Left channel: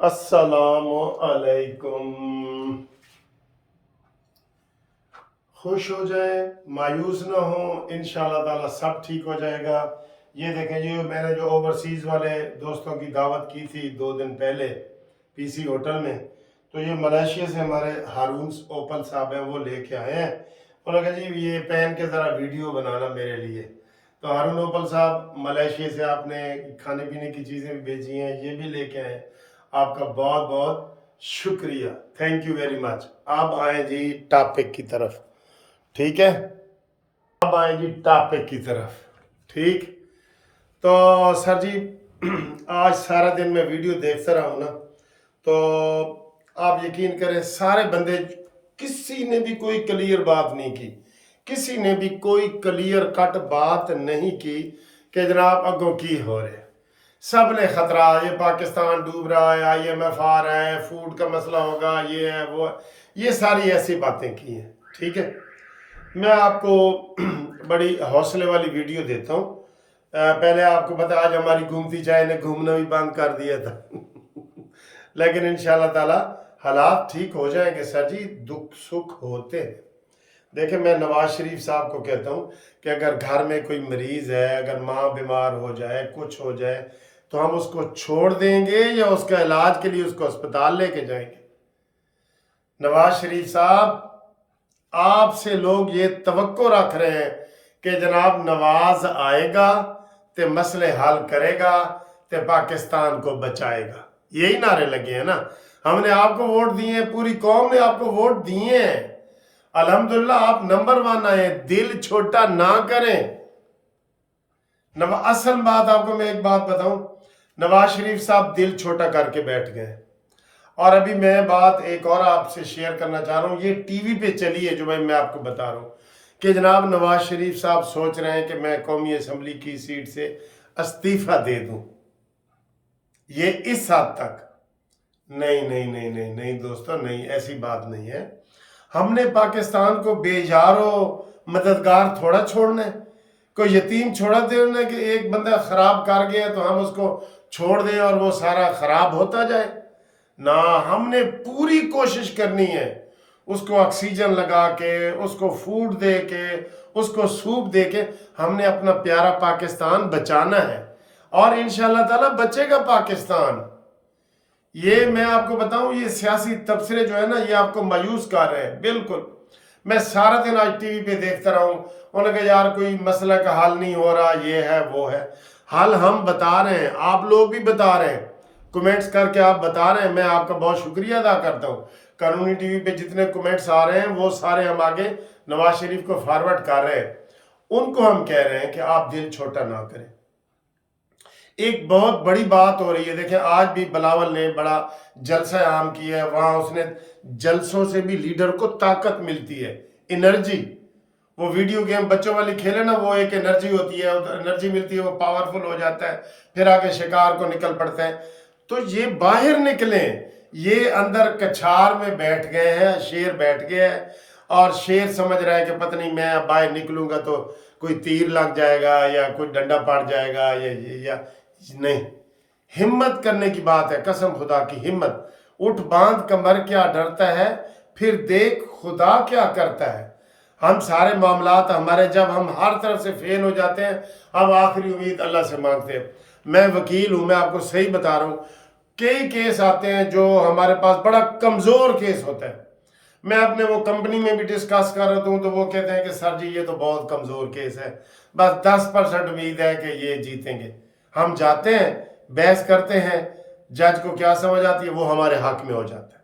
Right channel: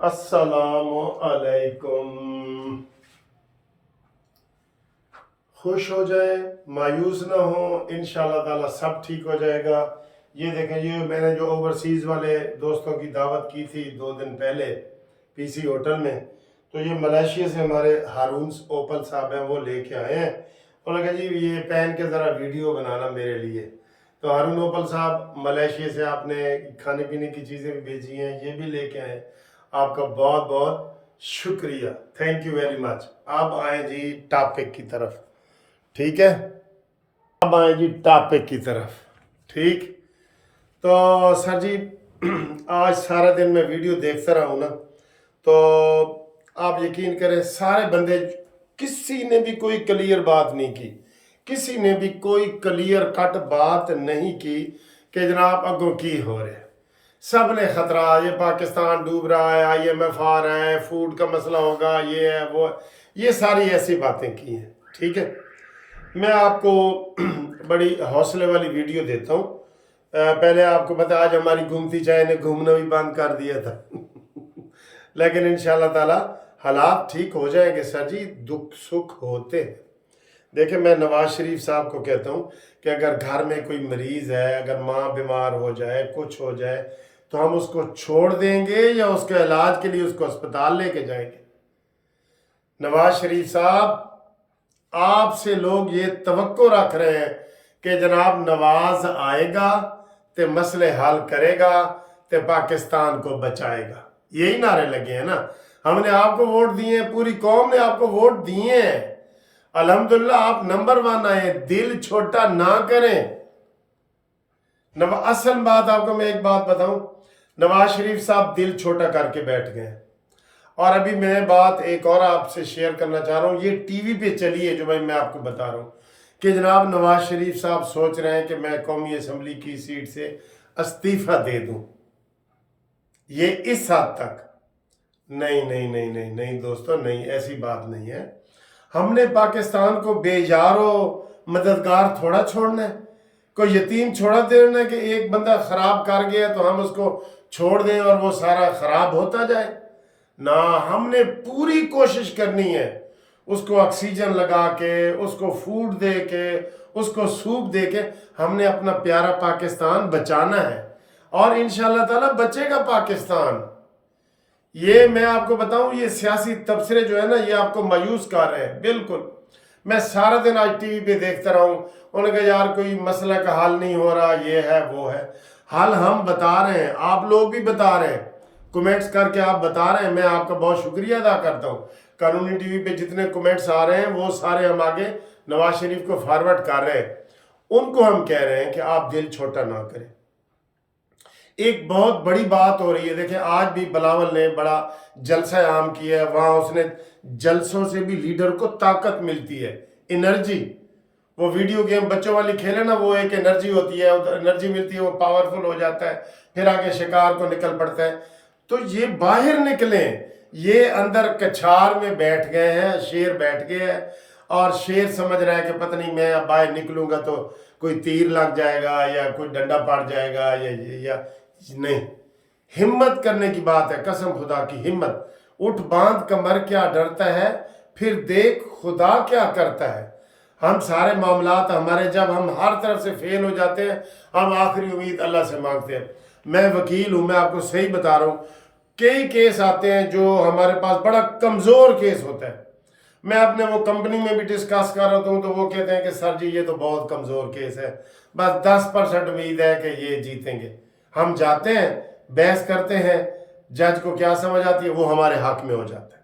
अस्सलाम अलैकुम। खुश हो जाए, मायूस ना हो, इंशाल्लाह ताला सब ठीक हो जाएगा। ये देखें, ये मैंने जो ओवरसीज़ वाले दोस्तों की दावत की थी 2 दिन पहले पीसी होटल में, तो ये मलेशिया से हमारे हारून ओपल साहब हैं, वो लेके आए हैं। उन्होंने कहा जी ये पहन के ज़रा वीडियो बनाना मेरे लिए। तो हारून ओपल साहब, मलेशिया से आपने खाने पीने की चीज़ें भी भेजी हैं, ये भी लेके आए हैं। आपका बहुत बहुत शुक्रिया, थैंक यू वेरी मच। अब आए जी टॉपिक की तरफ, ठीक है। अब आए जी टॉपिक की तरफ, ठीक। तो सर जी आज सारा दिन मैं वीडियो देखता रहा हूँ ना, तो आप यकीन करें सारे बंदे, किसी ने भी कोई क्लियर बात नहीं की, किसी ने भी कोई क्लियर कट बात नहीं की कि जनाब अगों की हो रहे। सब ने खतरा, ये पाकिस्तान डूब रहा है, IMF आ रहा है, फूड का मसला होगा, ये है वो है, ये सारी ऐसी बातें की हैं, ठीक है। मैं आपको बड़ी हौसले वाली वीडियो देता हूँ। पहले आपको पता, आज हमारी घूमती चाय ने घूमना भी बंद कर दिया था लेकिन इंशाल्लाह ताला हालात ठीक हो जाएंगे सर जी, दुख सुख होते हैं। देखिए, मैं नवाज शरीफ साहब को कहता हूँ कि अगर घर में कोई मरीज़ है, अगर माँ बीमार हो जाए, कुछ हो जाए, तो हम उसको छोड़ देंगे या उसके इलाज के लिए उसको अस्पताल लेके जाएंगे? नवाज शरीफ साहब, आपसे लोग ये तवक्को रख रहे हैं कि जनाब नवाज आएगा तो मसले हल करेगा, तो पाकिस्तान को बचाएगा। यही नारे लगे हैं ना। हमने आपको वोट दिए हैं, पूरी कौम ने आपको वोट दिए हैं, अल्हम्दुलिल्लाह आप नंबर 1 आए। दिल छोटा ना करें। असल बात आपको मैं एक बात बताऊं, नवाज शरीफ साहब दिल छोटा करके बैठ गए। और अभी मैं बात एक और आपसे शेयर करना चाह रहा हूँ, ये टीवी पे चली है जो मैं आपको बता रहा हूँ कि जनाब नवाज शरीफ साहब सोच रहे हैं कि मैं कौमी असम्बली की सीट से इस्तीफा दे दूं। ये इस हद तक नहीं नहीं नहीं नहीं नहीं दोस्तों, नहीं, ऐसी बात नहीं है। हमने पाकिस्तान को बेजारो मददगार थोड़ा छोड़ना है, कोई यतीम छोड़ा देना कि एक बंदा खराब कर गया तो हम उसको छोड़ दें और वो सारा खराब होता जाए ना। हमने पूरी कोशिश करनी है उसको ऑक्सीजन लगा के, उसको फूड दे के, उसको सूप दे के हमने अपना प्यारा पाकिस्तान बचाना है, और इंशाल्लाह ताला बचेगा पाकिस्तान। ये मैं आपको बताऊं, ये सियासी तबसरे जो है ना, ये आपको मायूस कर रहे हैं बिल्कुल। मैं सारा दिन आज टीवी पे देखता रहा हूं, उन्होंने कहा यार कोई मसला का हल नहीं हो रहा, ये है वो है। हल हम बता रहे हैं, आप लोग भी बता रहे हैं, कमेंट्स करके आप बता रहे हैं, मैं आपका बहुत शुक्रिया अदा करता हूं। कानूनी टीवी पे जितने कमेंट्स आ रहे हैं वो सारे हम आगे नवाज शरीफ को फॉरवर्ड कर रहे हैं। उनको हम कह रहे हैं कि आप दिल छोटा ना करें। एक बहुत बड़ी बात हो रही है, देखें आज भी बिलावल ने बड़ा जलसा आम किया है, वहां उसने जलसों से भी लीडर को ताकत मिलती है, एनर्जी। वो वीडियो गेम बच्चों वाली खेले ना, वो एक एनर्जी होती है, एनर्जी मिलती है, वो पावरफुल हो जाता है, फिर आगे शिकार को निकल पड़ता है। तो ये बाहर निकले, ये अंदर कछार में बैठ गए हैं, शेर बैठ गया है, और शेर समझ रहा है कि पता नहीं मैं अब बाहर निकलूंगा तो कोई तीर लग जाएगा या कोई डंडा पड़ जाएगा या नहीं। हिम्मत करने की बात है, कसम खुदा की हिम्मत। उठ बांध कमर क्या डरता है, फिर देख खुदा क्या करता है। हम सारे मामलात हमारे, जब हम हर तरफ से फेल हो जाते हैं, हम आखिरी उम्मीद अल्लाह से मांगते हैं। मैं वकील हूं, मैं आपको सही बता रहा हूं, कई केस आते हैं जो हमारे पास बड़ा कमज़ोर केस होता है। मैं अपने वो कंपनी में भी डिस्कस कर रहा हूँ तो वो कहते हैं कि सर जी ये तो बहुत कमज़ोर केस है, बस 10% उम्मीद है कि ये जीतेंगे। हम जाते हैं, बहस करते हैं, जज को क्या समझ आती है, वो हमारे हक में हो जाता है।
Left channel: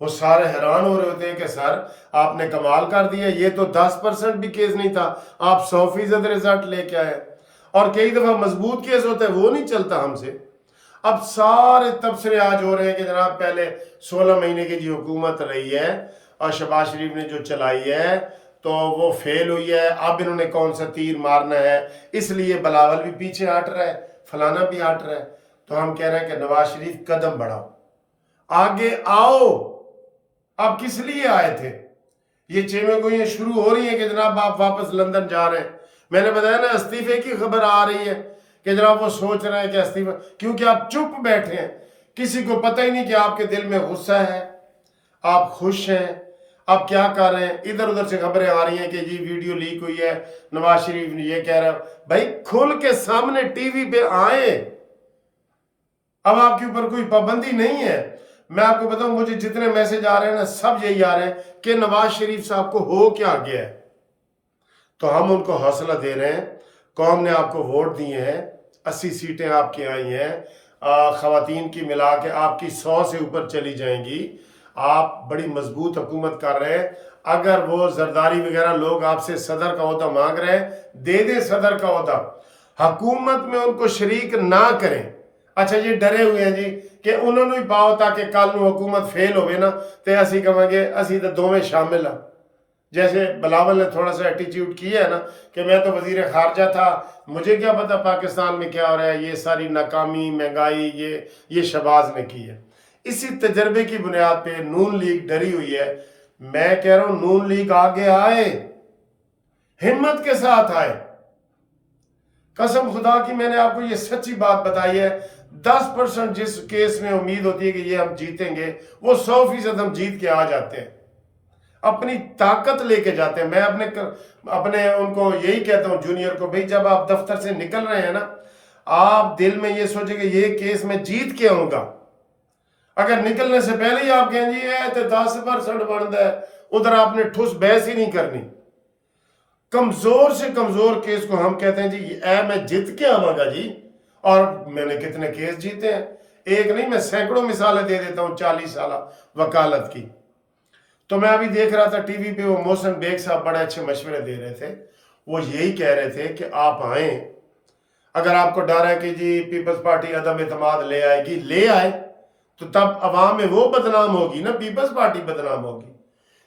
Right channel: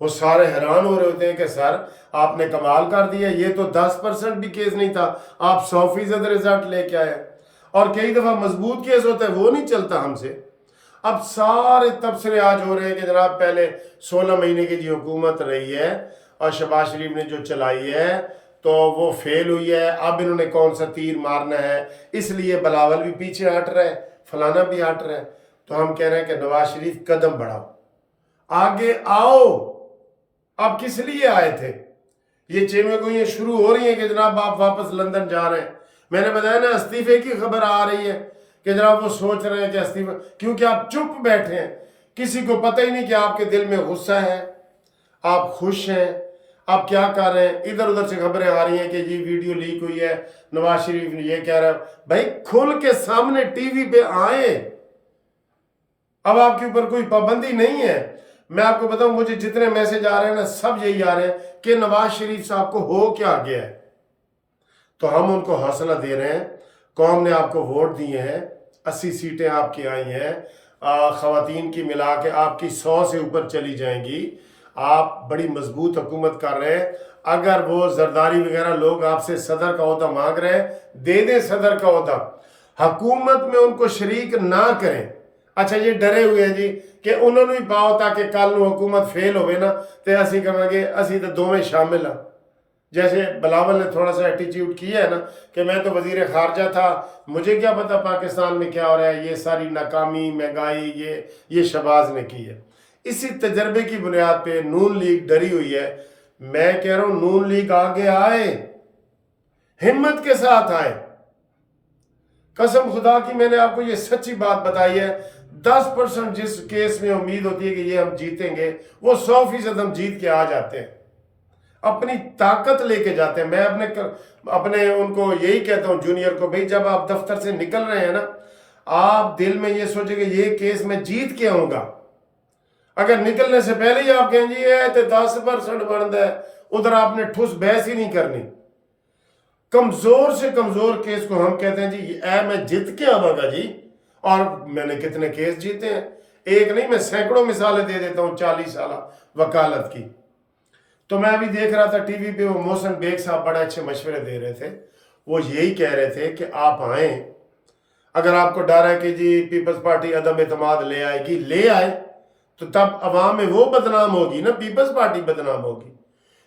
वो सारे हैरान हो रहे होते हैं कि सर आपने कमाल कर दिया, ये तो 10% भी केस नहीं था, आप 100% रिजल्ट लेके आए। और कई दफ़ा मजबूत केस होता है, वो नहीं चलता हमसे। अब सारे तबसरे आज हो रहे हैं कि जनाब पहले 16 महीने की जो हुकूमत रही है और शहबाज शरीफ ने जो चलाई है तो वो फेल हुई है, अब इन्होंने कौन सा तीर मारना है, इसलिए बिलावल भी पीछे हट रहा है, फलाना भी हट रहा है। तो हम कह रहे हैं कि नवाज शरीफ कदम बढ़ाओ, आगे आओ। आप किस लिए आए थे? ये चेमेगोइयाँ शुरू हो रही हैं कि जनाब आप वापस लंदन जा रहे हैं। मैंने बताया ना, इस्तीफे की खबर आ रही है कि जनाब वो सोच रहे हैं कि इस्तीफा, क्योंकि आप चुप बैठे हैं किसी को पता ही नहीं कि आपके दिल में गुस्सा है, आप खुश हैं, आप क्या कर रहे हैं। इधर उधर से खबरें आ रही हैं कि जी वीडियो लीक हुई है, नवाज शरीफ ने ये कह रहा है। भाई खुल के सामने टीवी पे आए, अब आपके ऊपर कोई पाबंदी नहीं है। मैं आपको बताऊं, मुझे जितने मैसेज आ रहे हैं ना, सब यही आ रहे हैं कि नवाज शरीफ साहब को हो क्या गया है। तो हम उनको हौसला दे रहे हैं, कौम ने आपको वोट दिए हैं, 80 सीटें आपकी आई हैं, ख़वातीन की मिला के आपकी 100 से ऊपर चली जाएंगी। आप बड़ी मजबूत हुकूमत कर रहे हैं। अगर वो जरदारी वगैरह लोग आपसे सदर का ओहदा मांग रहे हैं, दे दें सदर का ओहदा, हुकूमत में उनको शरीक ना करें। अच्छा ये डरे हुए हैं जी कि उन्होंने भी पाओ ताकि कल नूं हुकूमत फेल होवे ना तो असी कहेंगे असी तो दोवें शामिल हाँ। जैसे बिलावल ने थोड़ा सा एटीट्यूड किया है ना कि मैं तो वजीर खारजा था, मुझे क्या पता पाकिस्तान में क्या हो रहा है। ये सारी नाकामी, महंगाई ये शहबाज ने की है। इसी तजर्बे की बुनियाद पे नून लीग डरी हुई है। मैं कह रहा हूं नून लीग आगे आए, हिम्मत के साथ आए। कसम खुदा की मैंने आपको ये सच्ची बात बताई है। 10% जिस केस में उम्मीद होती है कि ये हम जीतेंगे, वो 100% हम जीत के आ जाते हैं, अपनी ताकत लेके जाते हैं। मैं अपने उनको यही कहता हूं जूनियर को, भाई जब आप दफ्तर से निकल रहे हैं ना, आप दिल में ये सोचे कि ये केस मैं जीत के आऊंगा। अगर निकलने से पहले ही आप कहें जी ये तो 10% बनता है, उधर आपने ठुस बहस ही नहीं करनी। कमजोर से कमजोर केस को हम कहते हैं जी मैं जीत के आवागा जी। और मैंने कितने केस जीते हैं, एक नहीं मैं सैकड़ों मिसालें दे देता हूं 40 साल वकालत की। तो मैं अभी देख रहा था टीवी पे, वो मोहसिन बेग साहब बड़े अच्छे मशवरे दे रहे थे। वो यही कह रहे थे कि आप आए, अगर आपको डर है कि जी पीपल्स पार्टी अदम एतमाद ले आएगी, ले आए, तो तब अवाम में वो बदनाम होगी ना, पीपल्स पार्टी बदनाम होगी।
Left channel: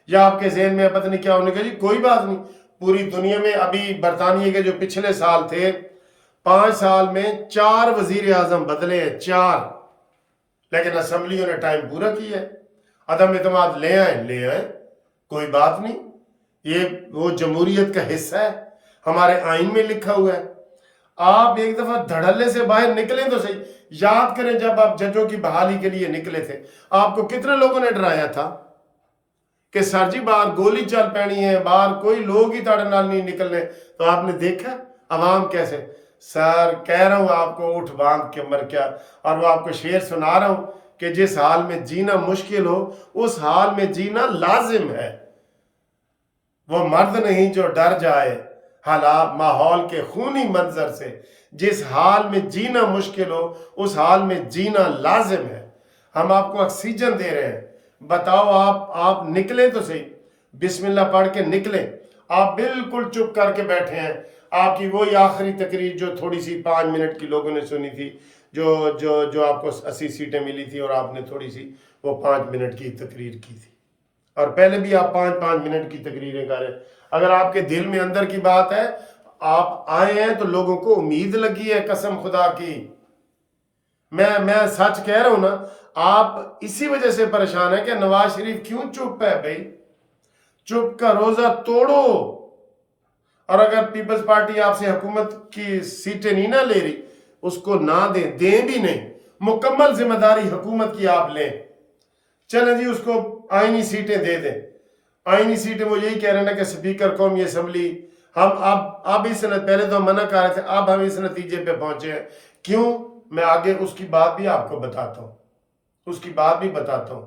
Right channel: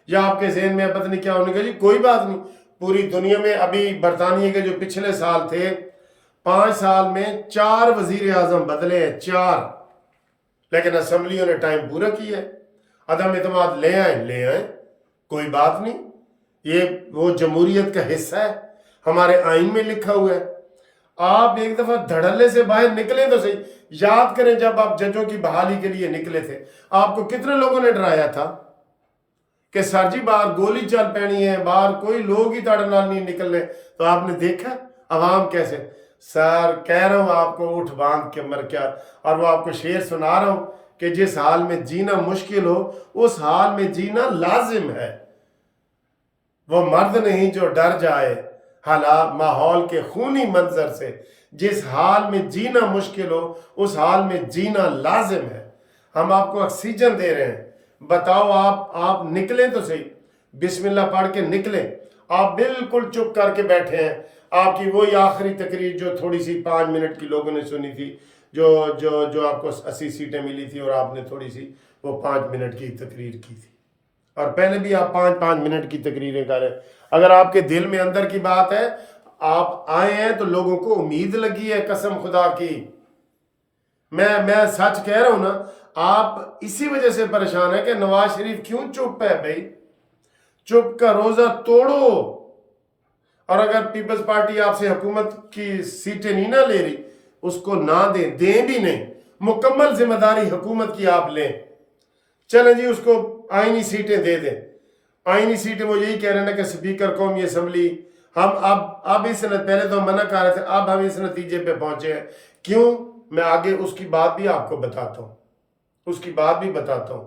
या आपके जहन में पता नहीं क्या होने का जी, कोई बात नहीं। पूरी दुनिया में अभी बरतानिया के जो पिछले साल थे, 5 साल में 4 वजीर आजम बदले हैं, 4, लेकिन असम्बलियों ने टाइम पूरा किया है। अदम एतमाद ले आए, कोई बात नहीं। ये वो जमहूरियत का हिस्सा है, हमारे आइन में लिखा हुआ है। आप एक दफा धड़ल्ले से बाहर निकले तो सही। याद करें जब आप जजों की बहाली के लिए निकले थे, आपको कितने लोगों ने डराया था कि सर जी बाहर गोली चल पैनी है, बाहर कोई लोग ही ताड़े नाल नहीं निकलने। तो आपने देखा अवाम कैसे, सर कह रहा हूं आपको, उठ बांध के मर क्या। और वो आपको शेर सुना रहा हूं कि जिस हाल में जीना मुश्किल हो, उस हाल में जीना लाजिम है। वो मर्द नहीं जो डर जाए हालात माहौल के खूनी मंजर से। जिस हाल में जीना मुश्किल हो, उस हाल में जीना लाजिम है। हम आपको ऑक्सीजन दे रहे हैं। बताओ आप निकलें तो सही, बिस्मिल्लाह पढ़ के निकलें। आप बिल्कुल चुप करके बैठे हैं। आपकी वही आखिरी तकरीर जो थोड़ी सी 5 मिनट की लोगों ने सुनी थी, जो आपको 80 सीटें मिली थी, और आपने थोड़ी सी वो 5 मिनट की तकरीर की थी। और पहले भी आप 5-5 मिनट की तकरीरें कर रहे हैं। अगर आपके दिल में अंदर की बात है, आप आए हैं तो लोगों को उम्मीद लगी है, कसम खुदा की। मैं सच कह रहा हूं ना। आप इसी वजह से परेशान है कि नवाज शरीफ क्यों चुप है। भाई चुप का रोजा तोड़ो। और अगर पीपल्स पार्टी आपसे हुकूमत की सीटें नहीं ना ले रही, उसको ना दें भी नहीं। मुकम्मल जिम्मेदारी हुकूमत की आप लें। चलें जी, उसको आईनी सीटें दे दें। आईनी सीटें वो यही कह रहे हैं ना कि स्पीकर कौमी असम्बली, हम अब इस पहले तो हम मना कर रहे थे, अब हम इस नतीजे पे पहुंचे हैं। क्यों, मैं आगे उसकी बात भी आपको बताता हूं, उसकी बात भी बताता हूं।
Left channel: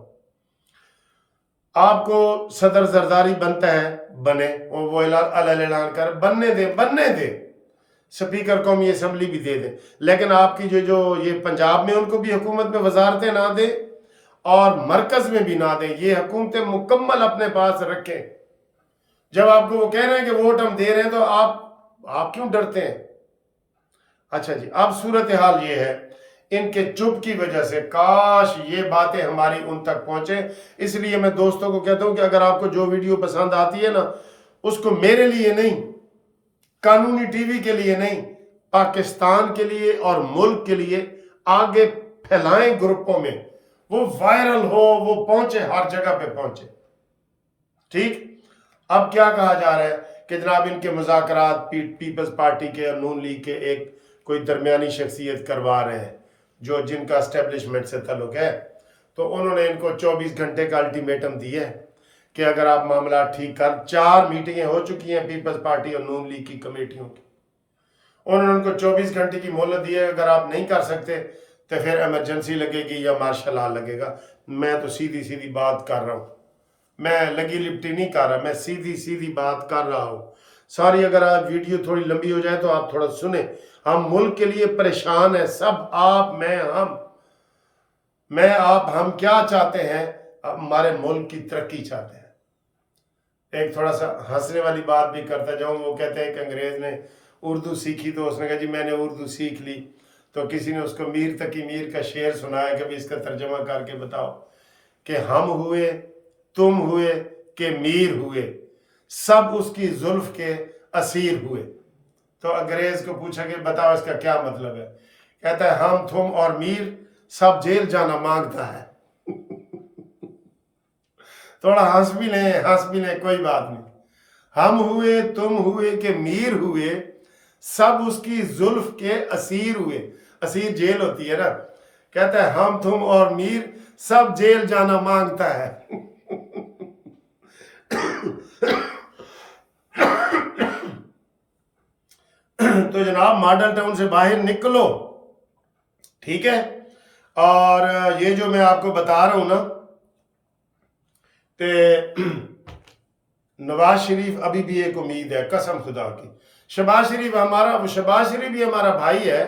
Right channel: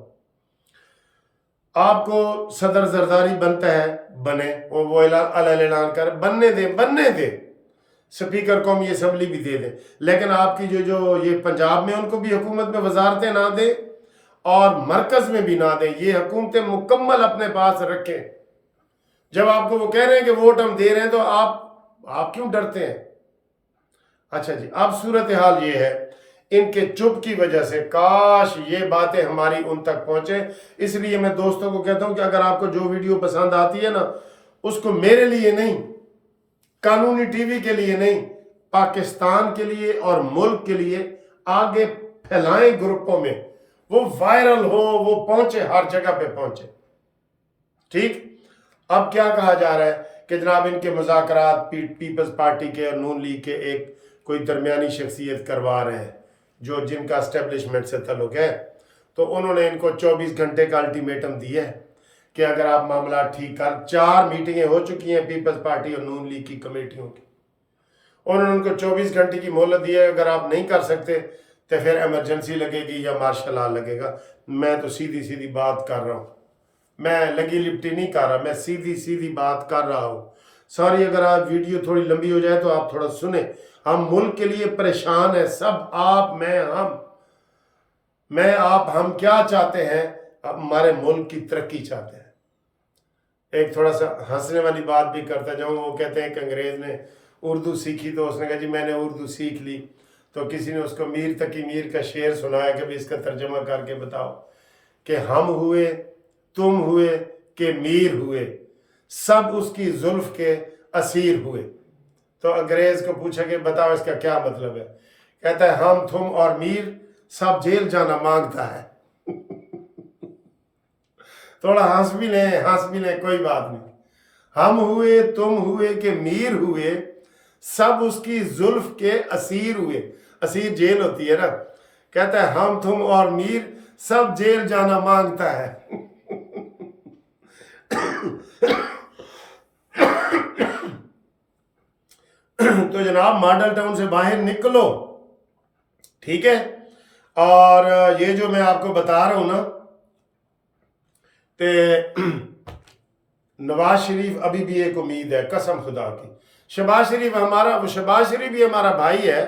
आपको सदर जरदारी बनता है, बने, वो ऐलान कर, बनने दे। स्पीकर कौमी असम्बली भी दे दें, लेकिन आपकी जो ये पंजाब में उनको भी हुकूमत में वजारतें ना दे, और मरकज में भी ना दें। ये हुकूमतें मुकम्मल अपने पास रखें। जब आपको वो कह रहे हैं कि वोट हम दे रहे हैं, तो आप क्यों डरते हैं। अच्छा जी, अब सूरत हाल ये है, इनके चुप की वजह से काश ये बातें हमारी उन तक पहुंचे। इसलिए मैं दोस्तों को कहता हूं कि अगर आपको जो वीडियो पसंद आती है ना, उसको मेरे लिए नहीं, कानूनी टीवी के लिए नहीं, पाकिस्तान के लिए और मुल्क के लिए आगे फैलाएं ग्रुपों में, वो वायरल हो, वो पहुंचे, हर जगह पे पहुंचे। ठीक। अब क्या कहा जा रहा है कि जनाब इनके मुज़ाकरात पीपल्स पार्टी के और नून लीग के एक कोई दरमियानी शख्सियत करवा रहे हैं। जो जिनका एस्टेब्लिशमेंट से ताल्लुक है, तो उन्होंने इनको 24 घंटे का अल्टीमेटम दिया है कि अगर आप मामला ठीक कर, 4 मीटिंगें हो चुकी हैं पीपल्स पार्टी और नून लीग की कमेटियों की, उन्होंने उनको 24 घंटे की मोहलत दी है, अगर आप नहीं कर सकते तो फिर एमरजेंसी लगेगी या मार्शल लॉ लगेगा। मैं तो सीधी सीधी बात कर रहा हूँ, मैं लगी लिपटी नहीं कर रहा, मैं सीधी सीधी बात कर रहा हूँ। सॉरी अगर आप वीडियो थोड़ी लंबी हो जाए तो आप थोड़ा सुने। हम मुल्क के लिए परेशान हैं सब, आप, मैं आप, हम क्या चाहते हैं? हमारे मुल्क की तरक्की चाहते हैं। एक थोड़ा सा हंसने वाली बात भी करता जाऊँ। वो कहते हैं कि अंग्रेज़ ने उर्दू सीखी तो उसने कहा जी मैंने उर्दू सीख ली, तो किसी ने उसको मीर तकी मीर का शेर सुनाया कि भाई इसका तर्जमा करके बताओ कि हम हुए, तुम हुए कि मीर हुए, सब उसकी जुल्फ के असीर हुए। तो अंग्रेज़ को पूछा कि बताओ इसका क्या मतलब है? कहता है हम, तुम और मीर सब जेल जाना मांगता है। थोड़ा हंस भी लें, कोई बात नहीं। हम हुए, तुम हुए कि मीर हुए, सब उसकी जुल्फ के असीर हुए। असीर जेल होती है ना। कहता है हम, तुम और मीर सब जेल जाना मांगता है। तो जनाब मॉडल टाउन से बाहर निकलो, ठीक है। और ये जो मैं आपको बता रहा हूं ना, ते नवाज शरीफ अभी भी एक उम्मीद है, कसम खुदा की। शहबाज शरीफ भी हमारा भाई है,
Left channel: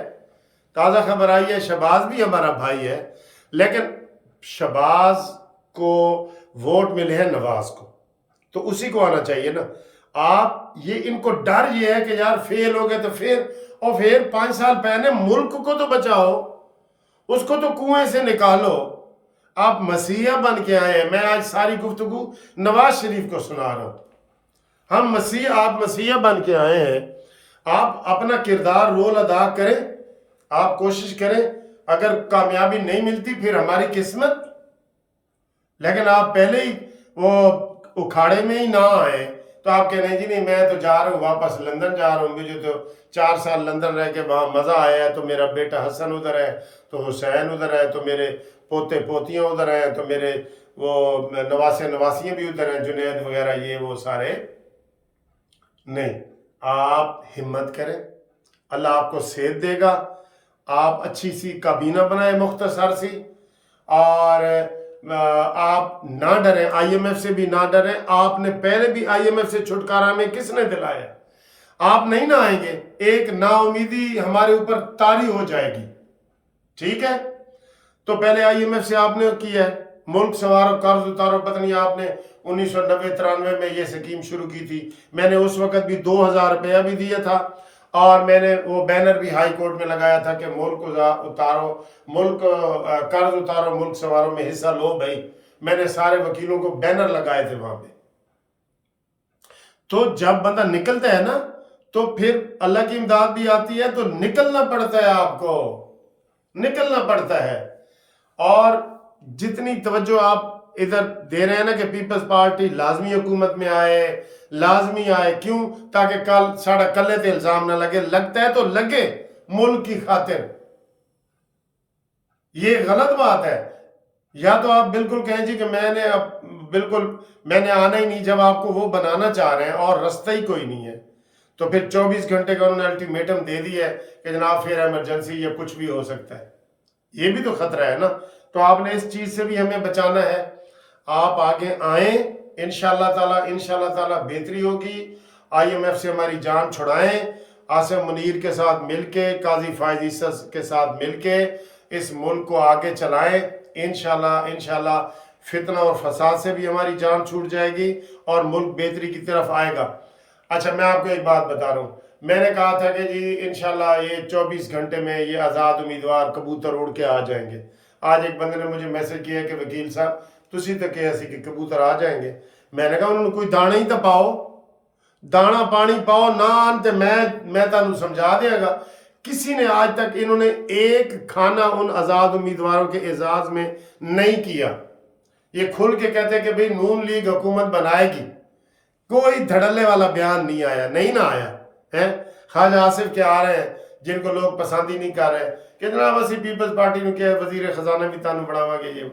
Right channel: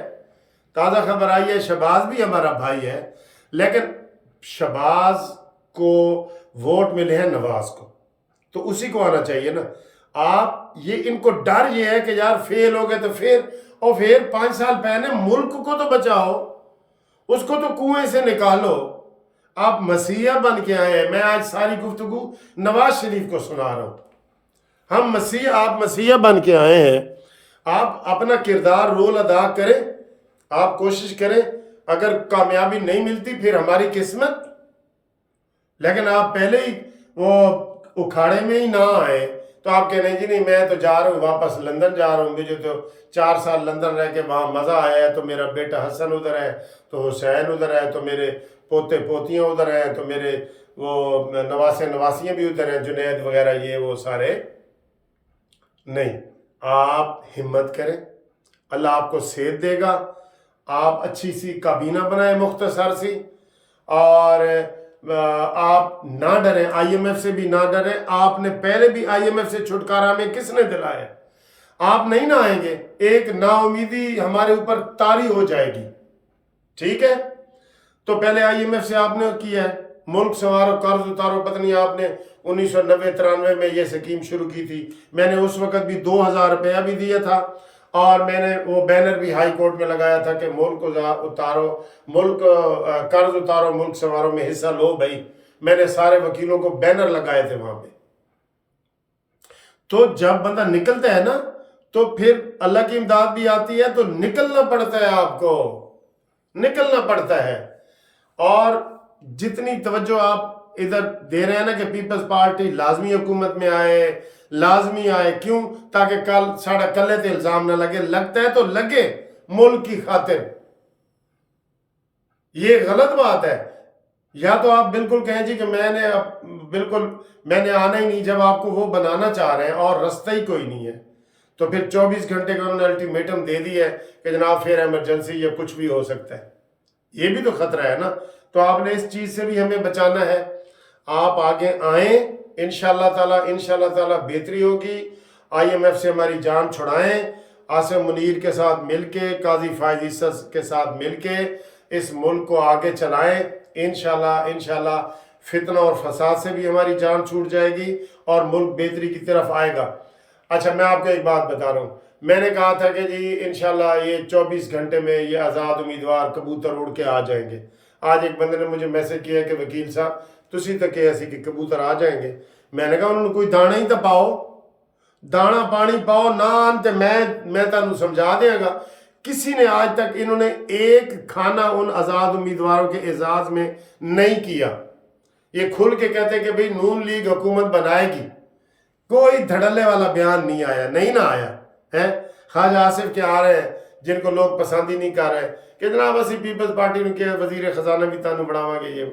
ताज़ा खबर आई है, शहबाज भी हमारा भाई है, लेकिन शहबाज को वोट मिले हैं नवाज को, तो उसी को आना चाहिए ना। आप ये इनको डर ये है कि यार फेल हो गए तो फिर 5 साल पहले मुल्क को तो बचाओ, उसको तो कुएं से निकालो। आप मसीहा बन के आए हैं। मैं आज सारी गुफ्तगू नवाज शरीफ को सुना रहा हूं। आप मसीहा बन के आए हैं। आप अपना किरदार रोल अदा करें, आप कोशिश करें। अगर कामयाबी नहीं मिलती फिर हमारी किस्मत, लेकिन आप पहले ही वो उखाड़े में ही ना आए तो आप कह रहे हैं जी नहीं मैं तो जा रहा हूँ, वापस लंदन जा रहा हूँ, मुझे तो 4 साल लंदन रह के वहाँ मज़ा आया है, तो मेरा बेटा हसन उधर है, तो हुसैन उधर है, तो मेरे पोते पोतियाँ उधर हैं, तो मेरे वो नवासियाँ भी उधर हैं, जुनैद वगैरह ये वो सारे। नहीं, आप हिम्मत करें, अल्लाह आपको सेहत देगा। आप अच्छी सी काबीना बनाए मुख्तसर सी, और आप ना डरें, आईएमएफ से भी ना डरें। आपने पहले भी आईएमएफ से छुटकारा में किसने दिलाया? आप नहीं ना आएंगे, एक नाउमीदी हमारे ऊपर तारी हो जाएगी, ठीक है। तो पहले आईएमएफ से आपने किया है, मुल्क संवारो, कर्ज उतारो। पता नहीं आपने 1990-93 में ये स्कीम शुरू की थी। मैंने उस वक्त भी 2000 रुपया भी दिया था, और मैंने वो बैनर भी हाई कोर्ट में लगाया था कि मुल्क उतारो, मुल्क कर्ज उतारो, मुल्क संवारो में हिस्सा लो भाई। मैंने सारे वकीलों को बैनर लगाए थे वहां पे। तो जब बंदा निकलता है ना तो फिर अल्लाह की इमदाद भी आती है, तो निकलना पड़ता है, आपको निकलना पड़ता है। और जितनी तवज्जो आप इधर दे रहे हैं ना कि पीपल्स पार्टी लाजमी हुकूमत में आए, लाजमी आए, क्यों? ताकि कल साढ़ा कल्ले ते इल्जाम ना लगे। लगता है तो लगे मुल्क की खातिर, ये गलत बात है। या तो आप बिल्कुल कहें जी कि मैंने आना ही नहीं, जब आपको वो बनाना चाह रहे हैं और रास्ता ही कोई नहीं है, तो फिर 24 घंटे का उन्होंने अल्टीमेटम दे दिया है कि जनाब फिर इमरजेंसी या कुछ भी हो सकता है। ये भी तो खतरा है ना। तो आपने इस चीज़ से भी हमें बचाना है। आप आगे आए, इंशाल्लाह ताला बेहतरी होगी। आईएमएफ से हमारी जान छुड़ाएं, आसिम मुनीर के साथ मिलके, काजी फायज ईसा के साथ मिलके इस मुल्क को आगे चलाएं। इंशाल्लाह फितना और फसाद से भी हमारी जान छूट जाएगी और मुल्क बेहतरी की तरफ आएगा। अच्छा, मैं आपको एक बात बता रहा हूँ। मैंने कहा था कि जी इंशाल्लाह ये 24 घंटे में ये आज़ाद उम्मीदवार कबूतर उड़ के आ जाएंगे। आज एक बंदे ने मुझे मैसेज किया कि वकील साहब तुसी तो कहे सी कि कबूतर आ जाएंगे। मैंने कहा उन्होंने कोई दाना ही तो पाओ, दाना पानी पाओ ना, तो मैं तुहानू समझा देंगा। किसी ने आज तक इन्होंने एक खाना उन आज़ाद उम्मीदवारों के एजाज में नहीं किया। ये खुल के कहते कि भाई नून लीग हुकूमत बनाएगी, कोई धड़ल्ले वाला बयान नहीं ना आया है। ख्वाजा आसिफ के आ रहे हैं जिनको लोग पसंद ही नहीं कर रहे کہ جناب اسی پیپلز پارٹی نو کہ وزیر خزانہ بھی تانوں بڑھاواں گے،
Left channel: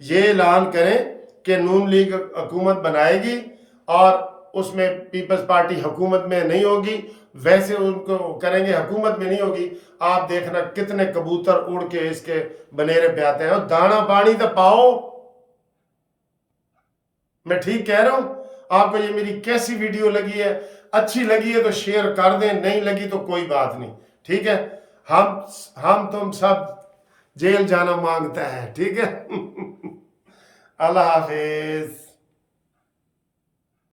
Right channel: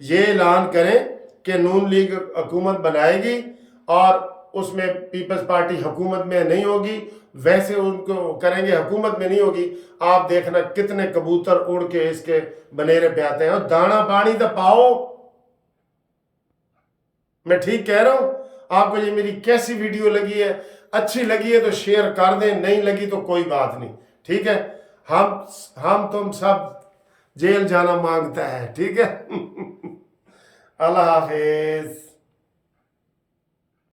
یہ اعلان کریں کہ نون لیگ حکومت بنائے گی اور اس میں پیپلز پارٹی حکومت میں نہیں ہوگی، ویسے ان کو کریں گے حکومت میں نہیں ہوگی، آپ دیکھنا کتنے کبوتر اڑ کے اس کے بنیرے پہ آتے ہیں۔ اور دانا پانی تو پاؤ، میں ٹھیک کہہ رہا ہوں؟ آپ کو یہ میری کیسی ویڈیو لگی ہے؟ اچھی لگی ہے تو شیئر کر دیں، نہیں لگی تو کوئی بات نہیں، ٹھیک ہے؟ ہم تم سب جیل جانا مانگتا ہے، ٹھیک ہے؟ اللہ حافظ۔